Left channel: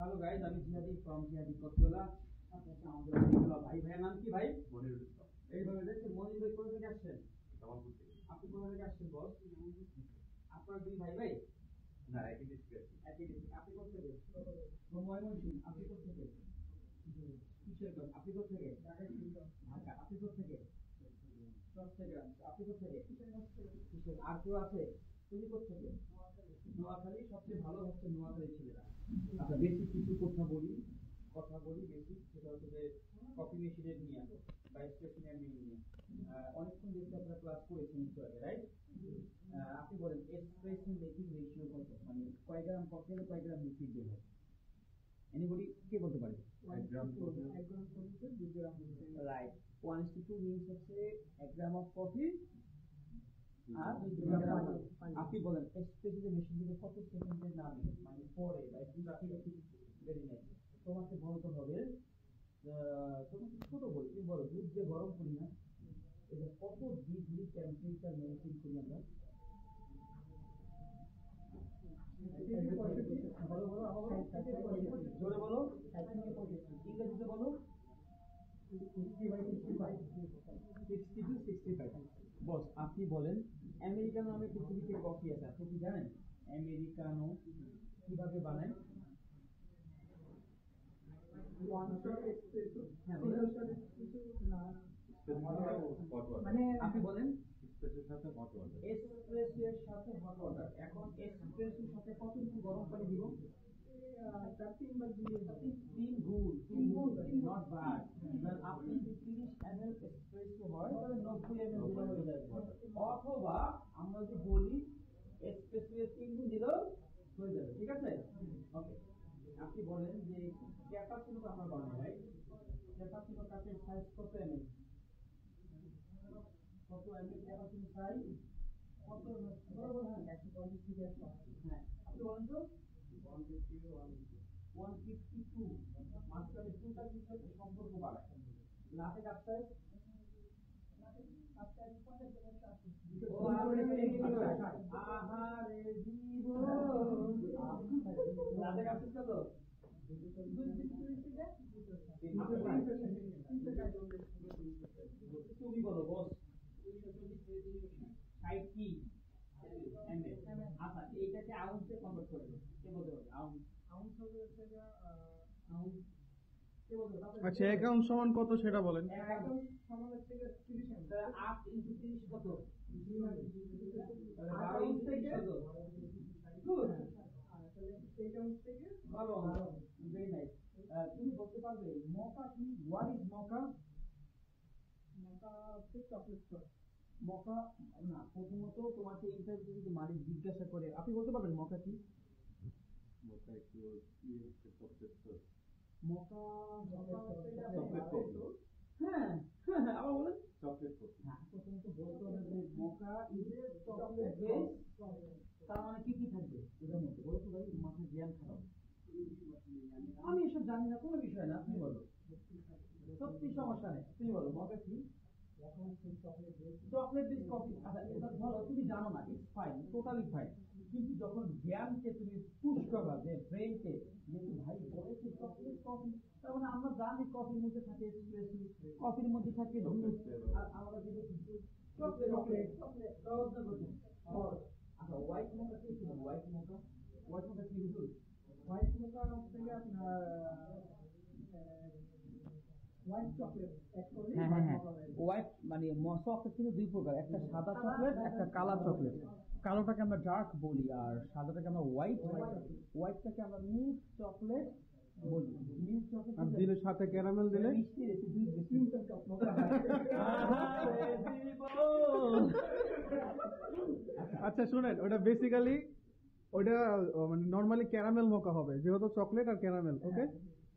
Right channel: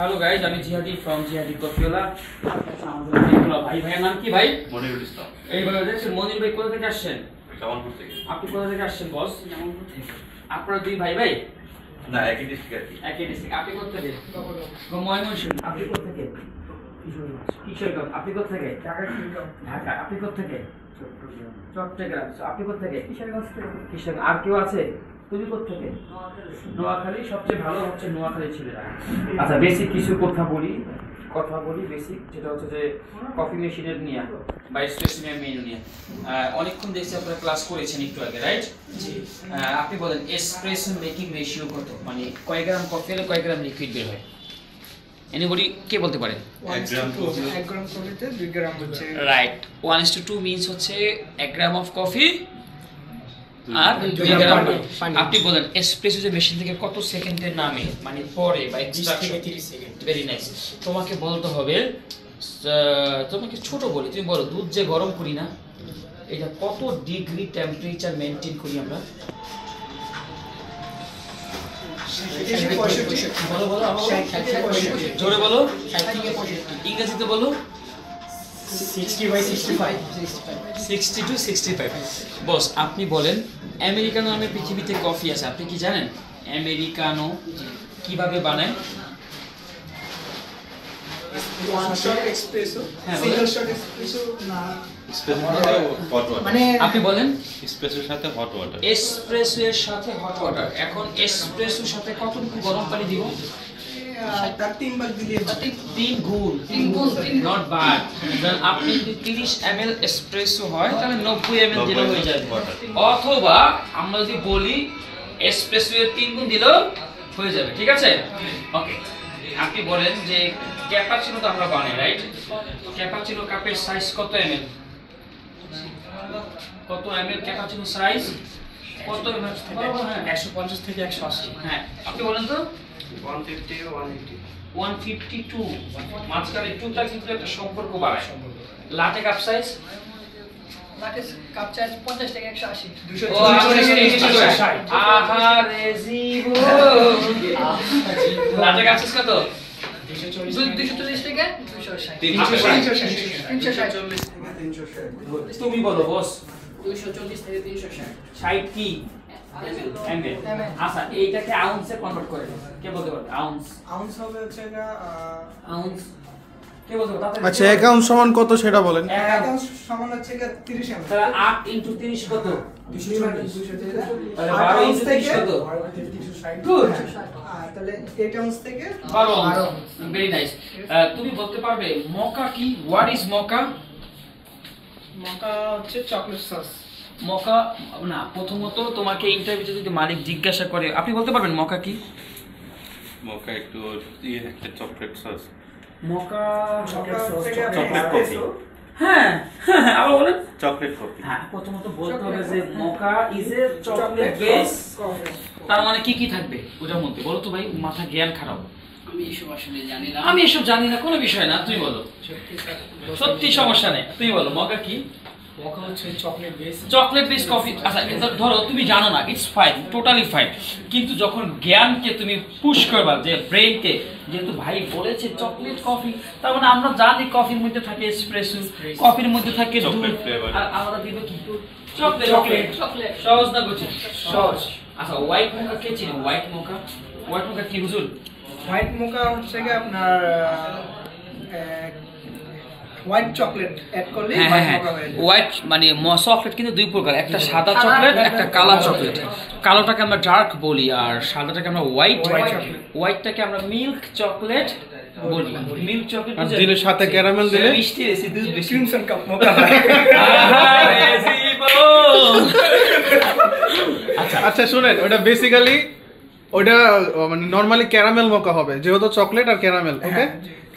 Hello guys, আমি জিহাদি from জিহাদি কফিওলা। ভাই ভাইয়ের নাম কি ভাই? মনিরুল ইসলাম। এইভাবে দেখছেন মনির ভাই কোথা থেকে আসছেন? জামালপুর থেকে। আপনি কোথা থেকে আসছেন বস? জামালপুর থেকে। আপনারা দুই ভাই ভাই? না, একই ডিস্ট্রিক্ট আর কি। একই ডিস্ট্রিক্ট। আপনি কোথা থেকে? ময়মনসিংহ। আপনি কোথা থেকে? কিশোরগঞ্জ। আপনি কোথা থেকে? ঢাকা। আপনি কোথা থেকে? চট্টগ্রাম। আপনি কোথা থেকে? কিশোরগঞ্জ থেকে। কিশোরগঞ্জ। আর কেউ আছে? তুমি কোথা থেকে? নোয়াখালী। সবচেয়ে ভালো হচ্ছে নোয়াখালী ছেলেরা। আচ্ছা, বেসিক কিছু কথা বলি বেসিক, যেটা হচ্ছে যে কফি মেশিনের নিয়ে বা এসপ্রেসো মেনু নিয়ে অনেকক্ষণ দেখছি আপনারা ক্লাস করেছেন একটু আগে, রাইট? আপনি বলেন এসপ্রেসো মেকিং রেশিও কত, মানে কয় গ্রাম কফি হলে কয় গ্রাম লিকুইড বের হয়? এনিবডি কে বলতে পারে? 1 গ্রাম কফিতে 2 গ্রাম হচ্ছে, রাইট। 1:2 মিন্স হচ্ছে 1 গ্রাম অফ কফি আর 2 গ্রাম পানি। আপনি বলেন এসপ্রেসো যে মেশিন থেকে কত সেকেন্ডে নামে, মানে পরে বা 20 থেকে 30 সেকেন্ড। Very nice. তোমাকে বলতে হবে, তোমাকে ছোট বলি, তুমি বলো দুধ যে গরম করি না, এটা কত ডিগ্রি টেম্পারেচার মেইনটেইন করি আমরা? বলো বলো, জোরে বলো, ইংরেজিতে বলো। 60 to 65। বস আপনি বলেন আমেরিকানো নামে পৃথিবীতে কফি আছে, আপনি কি জানেন আমেরিকানো কিভাবে বানায়? আপনি বলেন এসপ্রেসোর সাথে হট ওয়াটার। এসপ্রেসো এর সাথে হট ওয়াটার। এখন এসপ্রেসোর সাথে কতটুকু গরম পানি দিব? 3 গুণ। Not bad. আপনি যদি 30 ml এসপ্রেসো হয় তাহলে 90 ml দিলে হয়ে যাবে। অথবা আমরা যদি বলি এসপ্রেসো এর 3 গুণ দিলেও হয়ে যাবে, ঠিক আছে? ওকে, আপনি বলেন যে ক্যাপাচিনো তো আমরা বানাই, রাইট? ক্যাপাচিনো কাপের সাইজ কত ml? কত ml ক্যাপাচিনো সাইজ? কত ml? 150 থেকে 180। হ্যাঁ, আপনি বলেন তো। 150 180। 152। মাঝখানে 2টা কিন্তু একটা সম্পর্ক বাড়ায়। লাটে কাপ সাইজ? লাটে কাপ চার্জ 50 থেকে 180। 240 আহারে জীবন। লাটে কাপ সাইজ কত? 240 থেকে 260। 360। তুমি বলো বস। 240 থেকে 360। 60 কি? ml। আচ্ছা, এইটাকে আউন্সে কনভার্ট করে কে বলতে পারবে? আউন্স হবে হচ্ছে আউন্স কে বলতে পারবে? আচ্ছা, 1 আউন্স সমান কত সেটা বলেন। 1 আউন্স সমান হচ্ছে 30 ml। তাহলে 8 × 30 কত? 240। তাহলে 12 × 30 কত? 360। গুড। তাহলে 8 আউন্স থেকে 12। Very nice. তুমি বলতে পারবে মকা কি? What is মকা? মকা হচ্ছে চকলেট সস। মকা না, প্রথমত তোমাকে ইন্টারভিউতে যদি মালিক জিজ্ঞাসা করে আপনি বলতে পারবেন মকা কি? মক্কা একটু একটা chocolate sauce. মকা chocolate sauce, chocolate coffee. হ্যাঁ, আবার বলেন। Chocolate coffee. হ্যাঁ, প্রথমত বলতে হবে যে মকা ইজ এ চকলেট বেস। তার মানে কি কি থাকবে ওটার মধ্যে? বলো তো ভাই, মাথা জ্ঞান খারাপ। আমি এসব আসলে জানি না। আমি এসব জানি না, কোনো বিষয় না, তুই বলো। সত্যি সমস্যা নেই, তুই বলো মকা কি? মকা হচ্ছে চকলেট বেস কফি। আচ্ছা, ধরো তুমি জানো না, ইটস ফাইন, টোটালি ফাইন। কিন্তু যখন জ্ঞানকে তুমি পুশ করবা, যে ব্রেইনকে, যেহেতু ভাই বলেছে চকলেট কফি, তার মানে আমরা জানি কফির মধ্যে থাকে এসপ্রেসো, কফির মধ্যে থাকে দুধ, চকলেট ফ্লেভার। আর আমরা দিব কি? চকলেট। সহজ না বুঝি? সহজ। আচ্ছা, হোয়াইট মোকা কে চিনি? হোয়াইট মোকা কি হুজুর? হোয়াইট মোকা হচ্ছে আপনার হোয়াইট চকলেট অ্যাড করলে হোয়াইট মোকা হয়ে যায়। হোয়াইট মানে চকলেট কিন্তু দুই প্রকার, একটা সাদা চকলেট, একটা কালো চকলেট। কালোটাকে আমরা ডার্ক বলি আর সাদাটাকে আমরা হোয়াইট। হোয়াইটটাকে আমরা মিল্ক চকলেট বলি। মিল্ক চকলেট আর দিলে সাথে ক্যারামেল দিলে মিষ্টি বেশি, দুধ বেশি। ক্রিমসন কাপ মোকা হয়। আচ্ছা শুনেন, ওটা বেসিক্যালি ওটা মানে নরমালি ক্যারামেল মোকা হবে, যেহেতু চকলেট আর ক্যারামেল। ওকে,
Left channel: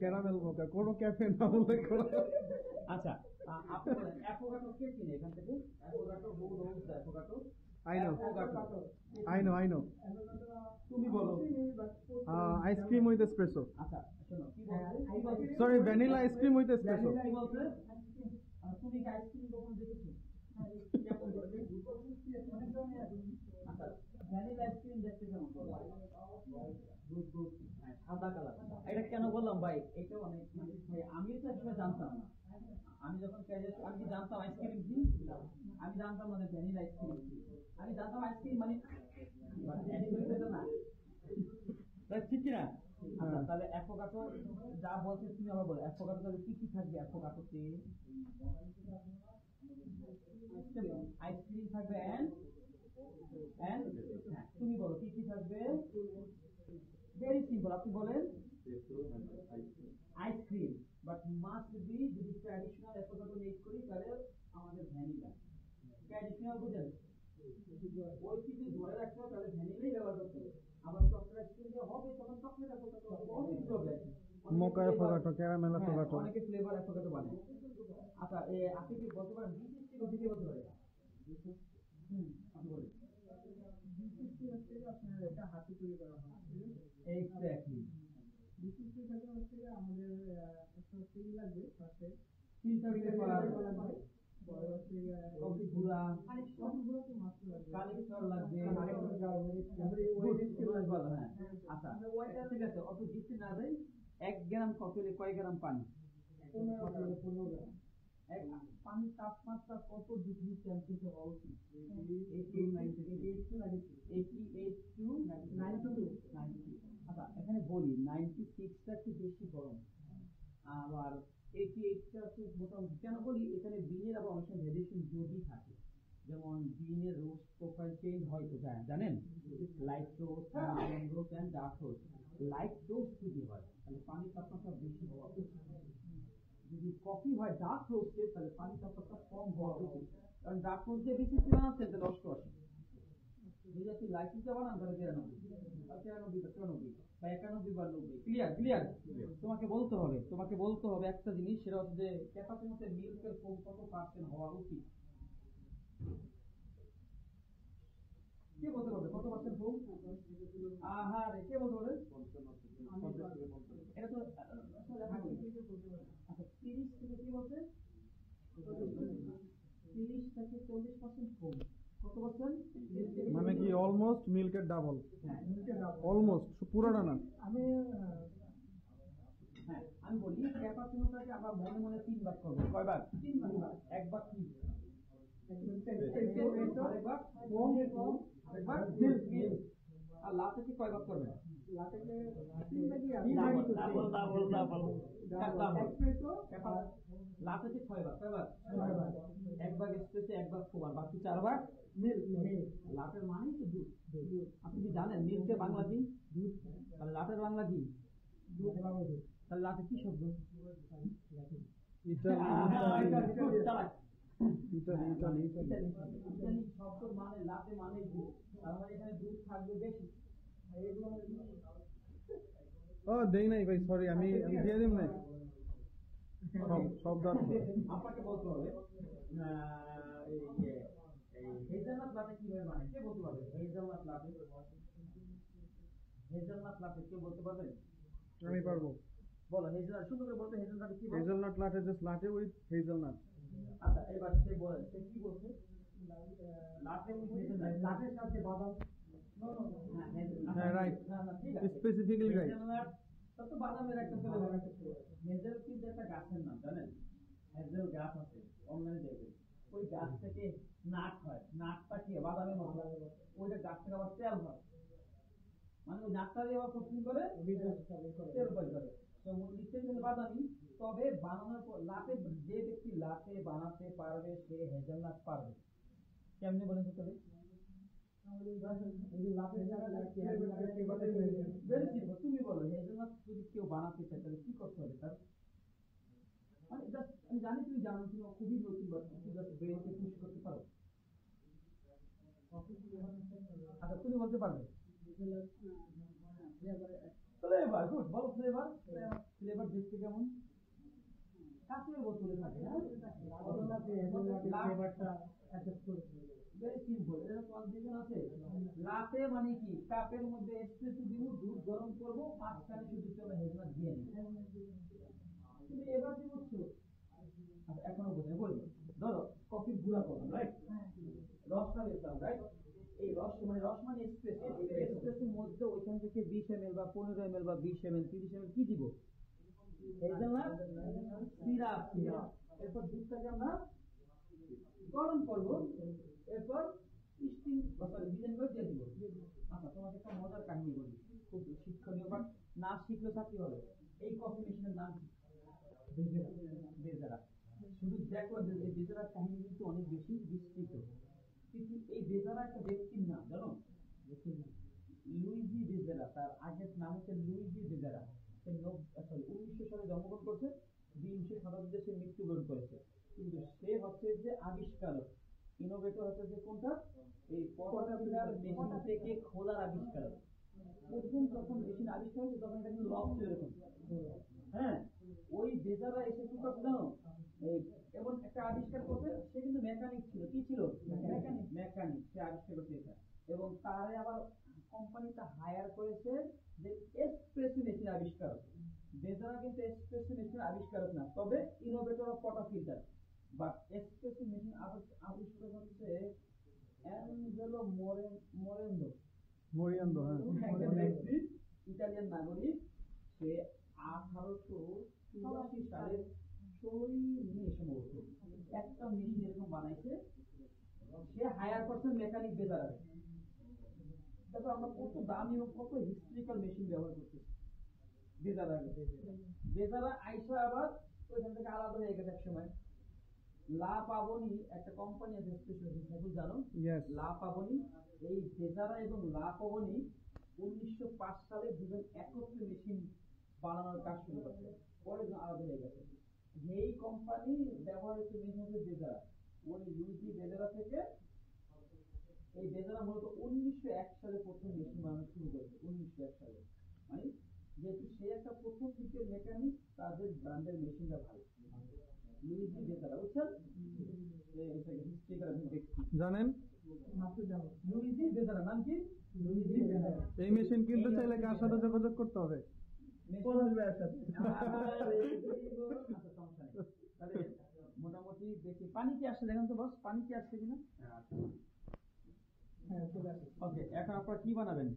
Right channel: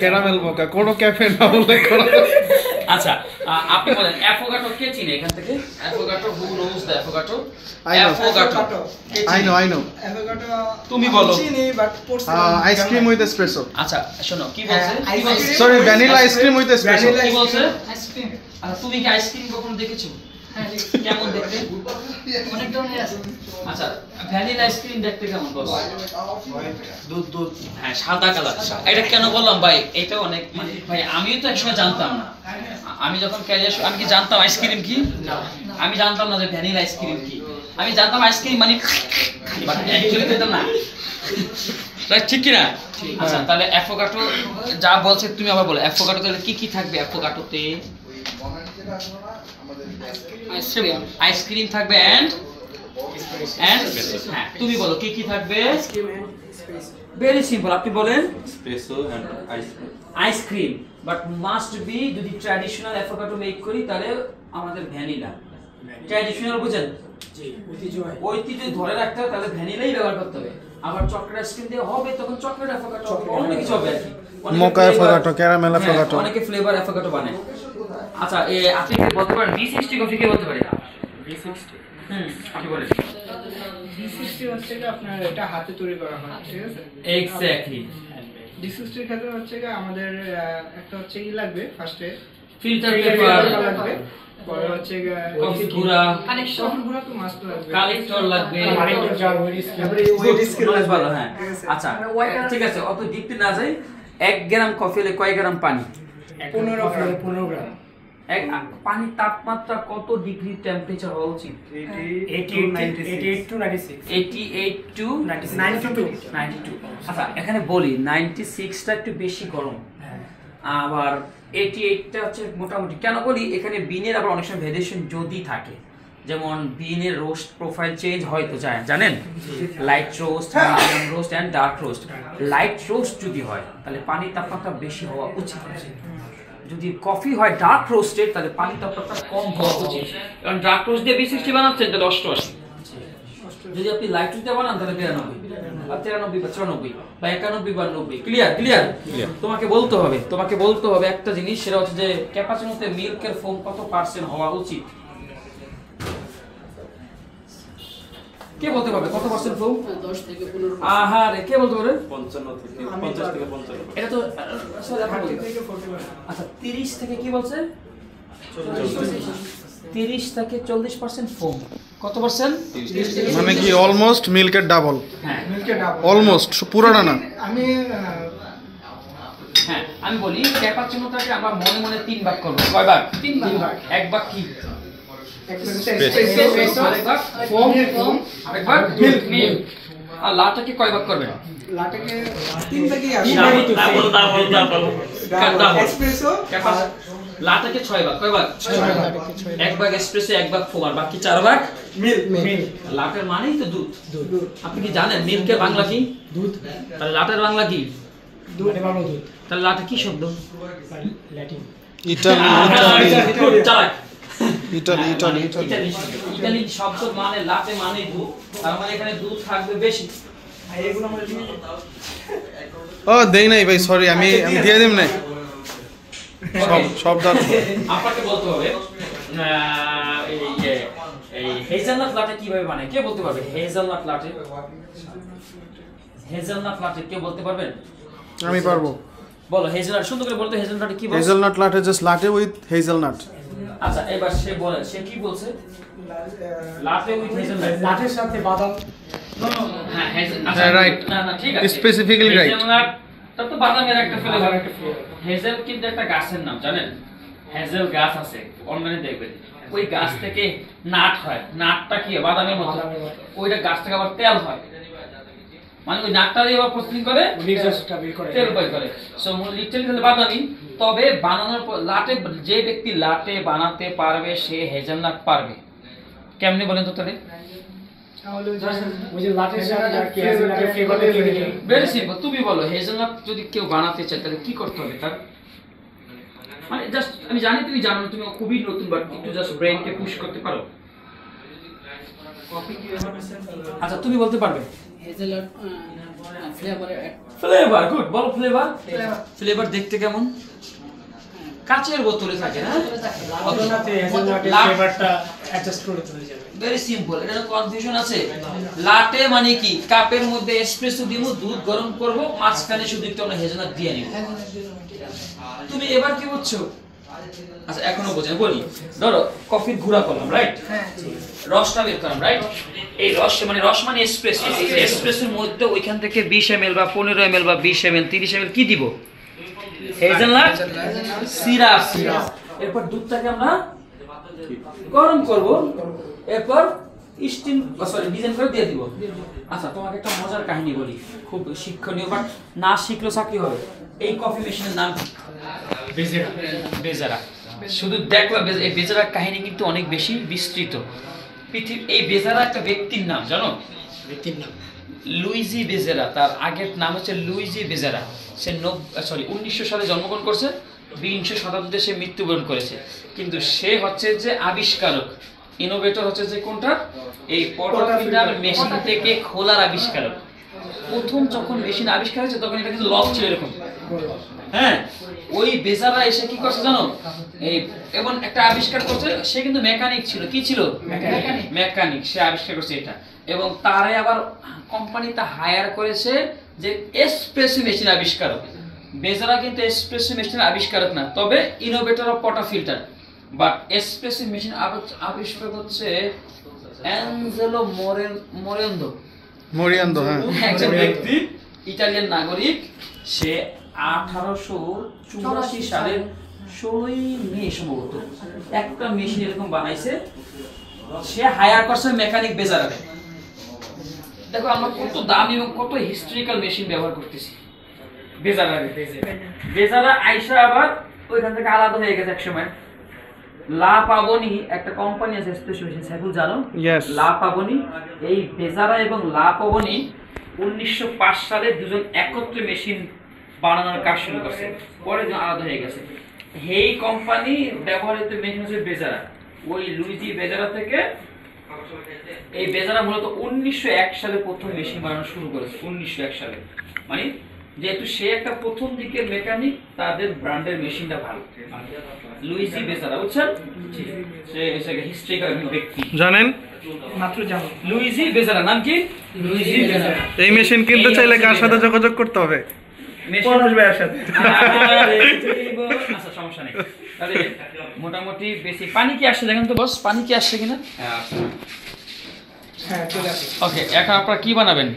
ক্যারামেল মোকা, কোনো ক্যাফে না উল্লেখ করা। আচ্ছা, আপনি বলেন অ্যাফোগাটো কে চিনে এখান থেকে? Affogato, who knows the affogato? I know. Affogato I know. Avocado তুমি বলো। চিনি বাট পড়ছি আইসক্রিম উইথ এসপ্রেসো। আচ্ছা শোনো, কি বলছে? হ্যাঁ, কি বলছে? Sorry, vanilla ice cream with espresso. কি বলছে? আইসক্রিম। আচ্ছা, তুমি কি আইসক্রিম কখনো দেখেছো? হ্যাঁ ঠিক। কেমন দেখতে? অনেক ধরনের আছে। আচ্ছা ভ্যানিলা আইসক্রিম দেখতে কেমন বলো? দুধ হ্যাঁ সাদা কালার। এটা কেন বললাম ভাই, এটা অনেক মানে ভাই আমিও তো একসময় জানতাম না। আমি যখন ক্যারিয়ার আমি কি জানতাম আইসক্রিম কি? আমি জানতাম না যে ভ্যানিলা আইসক্রিম কি। আমি জানতাম আইসক্রিম মানে বাট অ্যাকচুয়ালি তো না। রাইট, ঠিক কি না? আচ্ছা তাহলে অ্যাফোকাটো যা বলছে তুমি আবার বলো, অ্যাফোকাটো তাহলে কি কি থাকবে অ্যাফোকাটোতে? আইসক্রিম থাকবে এন্ড হ্যাঁ তুমি বলো কি কি থাকবে? ভেরি সিম্পল, আপনি বলেন espresso and ice cream. Ice cream, but must be যদি ট্র্যাডিশনাল অ্যাফোকাটো মেক করি তাহলে আমাদের ভ্যানিলা। ট্র্যাডিশনাল বুঝেন? ঐতিহ্য ধরে রাখতে হবে তাহলে ভ্যানিলাই ব্যবহার করতে হবে। আবার চকলেট আইসক্রিম দিয়ে হবে তখন চকলেট অ্যাফোকাটো অন্য কিছু হবে আর কি। মোকা অ্যাফোকাটো, ক্যারামেল অ্যাফোকাটো, অনেকে ফ্লেভার অ্যাফোকাটো বানায়। আচ্ছা আপনি কি বলতে পারেন V60 কফি কে বলতে পারে? V60 আপনি বলেন। D60 হচ্ছে কি আপনার এটা হাতে তৈরি করা হয়, ঠিক আছে? এক্স্যাক্টলি। D60 এর ক্ষেত্রে হচ্ছে কি আমাদের একটা হচ্ছে কি লাগবে ফার্স্টে ফিল্টার পেপার পেপার লাগবে, পরে হচ্ছে কফি গুঁড়া, কফি গুঁড়া তো মাস্ট লাগবে, কালেক্টর লাগবে, কালেক্টর জার ওয়েট স্কেল লাগবে। ভালো। হ্যাঁ আচ্ছা ঠিক আছে, অত ডিপে না যাই। 1 গ্রাম কফি হলে কয় গ্রাম পানি? 15 গ্রাম। পানির তাপমাত্রা কত ডিগ্রি টেম্পারেচার হওয়া উচিত? 88 to 96 88 টু 92। আচ্ছা এখানে বলি 96টা একটু বেশি গরম, আবার 88টা হচ্ছে মোটামুটি। কেন বলি এখানে বিনের আবার অনেক সময় ভেরিয়েশন যদি থাকে, যেমন বিনের রোস্ট প্রোফাইল চেঞ্জ হয়তো যায় জানেন, light roast, medium roast and dark roast. Light roast যদি হয় তাহলে পানির তাপমাত্রা বেশি হওয়া উচিত। যদি কফি হয় ডার্ক রোস্টেড তাহলে পানির তাপমাত্রা কম হওয়া উচিত, কারণ ডার্ক রোস্ট দিয়ে V60 বানাচ্ছেন তাহলে 88। যদি আপনি লাইট রোস্ট দিয়ে বানান তাহলে 92 আর 93 বা 94 বা 91 বা 90। ক্লিয়ার? ক্লিয়ার। তোমাকে বলতে হবে একটা জিনিস, সেটা হচ্ছে যে ক্যাপাচিনোতে মিল্কের ফোম কত পার্সেন্ট হওয়া উচিত? কে বলতে পারবে কত পার্সেন্ট ফোম? 10 থেকে 15। আহারে কে বলতে পারবে? 55 থেকে 50 থেকে 55। এটা তো আচ্ছা 30 থেকে কি বলছে? 30 থেকে 40% ফোম। কত পার্সেন্ট? মানে কি অলমোস্ট মিল্কের ডাবল, হ্যাঁ মিল্কের ডাবল অলমোস্ট পুরোটা না। আমি বলি ক্যাপাচিনোটাকে আমরা মনে মনে 3 ভাগ করব। কয় ভাগ? 3 ভাগ। এক ভাগ কি? এসপ্রেসো, আরেক ভাগ ফোম, আরেক ভাগ মিল্ক। আর লাটাকে কয় ভাগ করবেন? লাটাকে 3 ভাগই আসে। এসপ্রেসো, লাটাকে 6 ভাগ। কয় ভাগ? 6 ভাগ। এক ভাগ এসপ্রেসো, এক ভাগ ফোম, আর বাকি 4 ভাগ মিল্ক। লাটের মানেই তো দুধ। আপনি কি জানেন মিল্কের বাংলা কি? দুধ। তাহলে লাটের বাংলা কি? দুধ। তাহলে লাটে কি শব্দ? ইতালি শব্দ মানে লাটে মানে দুধ, তার মানে এখানে দুধ থাকবে বেশি। ও দেই নাই ভাই, সরি, আমি দিয়ে দিম না সব দাঁত। আপনাকে বলতে হবে এই হেজেলনাট লাটে কিভাবে বানায়, কে বলতে পারবে? হেজেলনাট লাটে কে বলতে পারবেন? আমি পারবো। বলো হেজেলনাট, সুন্দর করে বলতে। হেজেলনাট কি বলছে? Hazelnut latte just latte with hazelnut. আচ্ছা এবার সে বলে, সে কি বলছে? লাটে উইথ হেজেলনাট। লাটের সাথে বাদাম। হ্যাঁ হ্যাঁ, right. না ঠিক আছে, Specifically right. হেজেলনাট তো বাদামের একটা ফ্লেভার। হেজেল কিন্তু একটা গাছের নাম, জানেন? হেজেল গাছ আছে, অনলাইনে দেখবেন। ওই গাছ থেকে নাট হয়, নাটটা কি বাদামের মতো, ওইটা গাছ থেকে আবার তেল হয়, মানে ওই নাটটা দিয়ে আবার প্রসেসিং করে তেল বের করে। সো লিটারালি তাহলে বাদামি। তবে বানানোর পর লাটে, যে ব্যক্তি লাটে বানাতে পারবে সে হেজেলনাট পারবে। কেমনে বলেন তো তাহলে? ভেরি সিম্পল, তুমি বলো হেজেলনাট যদি কেউ বানাতে চায় তাহলে কি করতে হবে তার? মানে জাস্ট আমি জানি তুমি জানো, তুমি খুবই নতুন, বাট একটু জাস্ট ব্রেইনকে পুশ করতে পারো। আচ্ছা তুমি বলতে পারবে? হেজেলাট ফ্লেভার, গুড, বলো ফ্লেভার। ফ্লেভার দেখতে কেমন? কাচের বোতলে থাকে না? ভেরি সিম্পল, এটা কনফিউশন আছে? লাটে মানে কি? কাপের মধ্যে এসপ্রেসো দিব, দুধ গরম করব, মাঝখানে শুধু একটু আমরা হেজেলনাট দিয়ে নিব। তুমি এবার কি বুঝছো? আচ্ছা এখনো বোঝেন, বলি ধরো কফির গুঁড়া করলাম, রাইট? হ্যাঁ রসটা বের করলাম, রাইট? এই রস মানে এসপ্রেসো, এসপ্রেসোর মধ্যে ওইখান থেকে 20 ml বা 15 ml বা 20 ml 30 ml কি দিব? Hazelnut syrup. এরপর দুধটাকে আমরা গরম করব, এরপর স্টিম ডিজাইন করে দিয়ে দিব। আচ্ছা তোমাকে একটা মজার কাহিনী বলি, খুব শিক্ষণীয়, বাট না শিখলেও চাকরি হবে। এই কফি মেশিনের নাম বেজেরা। বেজেরা শুধু দেখলাম, এই বেজেরার কাহিনী কিন্তু অনেক বেশি বিস্তৃত। এই বেজেরা একটা ব্যক্তির নাম, জানো? ব্যক্তির নাম লুইজি বেজেরা। তার আগের নাম হচ্ছে লুইজি বেজেরা। সে 1900 সালে জন্মগ্রহণ করছে, 20 শতাব্দীতে সে মৃত্যুবরণ করেছে। কিন্তু সে হচ্ছে যে আবিষ্কারক, ইনোভেটর হচ্ছে যে কোনটা, এই পটাফিল্টার মেশিন থেকে খোলার আবিষ্কারক। প্রথম যখন মেশিন আবিষ্কার হয়েছে তখন এটা কিন্তু লক ছিল এরকম, হ্যাঁ। ওই বেজারা এসে কি করছে জানো, এই এবং একটা আবিষ্কার করছে। সে কিন্তু মেকানিক ছিল, কি ছিল? মেকানিক। সে আবিষ্কার করছে এটা, এবং তারে আবার কোম্পানিতে হায়ার করেছে যে এসপ্রেসো মেশিন আবিষ্কারক। বেজারা কিন্তু এসপ্রেসো মেশিন আবিষ্কারক না, তবে innovator of portafilter. But espresso machine আবিষ্কার হচ্ছে অ্যাঞ্জেলো মরিয়ান্দো, হ্যাঁ। একজন ব্যক্তি, ইতালিয়ান নাগরিক। সে 1884 সালের 16ই মে সম্ভবত একটা মেশিন এরকম বানাইছে। সে হায়ার করছে মেকানিক বেজারাকে। দেখো আমরা কত দামি এবং কত হিস্ট্রিক্যাল মেশিন ব্যবহার করতেছি। বেজারা আইসা আবার ওইখান থেকে আলাদা হয়ে গেছে এক সময়। লা পাবনি একটা কোম্পানি আছে স্পেশাল, সাইফুল জানো? লা পাবনি। এই বেজারা এবং লা পাবনি 1905 সালে দুজন একত্রে মেশিন বানানোর কাজ শুরু করছে, পরে আলাদা হয়ে গেছে। এই কোম্পানি ব্যবহৃত মেশিন হচ্ছে বেজারা। ওই লুইজি বেজারা থেকে এই বেজারা মূলত 1901 সালে প্রথম মেশিন বানানো শুরু করেছে। 1901 সালে, মানে যেহেতু সে একটা প্রথম দিকের মেকানিক, তাদের ব্র্যান্ডের মেশিনটা ভালো। লুইজি বেজারা, বুঝছেন? সে হিস্ট্রিক্যাল ব্যক্তি, জানেন? মাত্র যাবো। লুইজি বেজারা। নাম কি? লুইজি বেজারা। এই মেশিন কিনতে চাইলে কার সাথে যোগাযোগ করতে হবে? পলাশ ভাইয়ের সাথে। আচ্ছা সমস্যা নেই। তাহলে মোটামুটি বেশি পানি কি আসছে দেখেন তো বস, পানি কি আসছে কিনা? হ্যাঁ চলে আসে। ওকে, এখন আপনারা কি বানাবেন?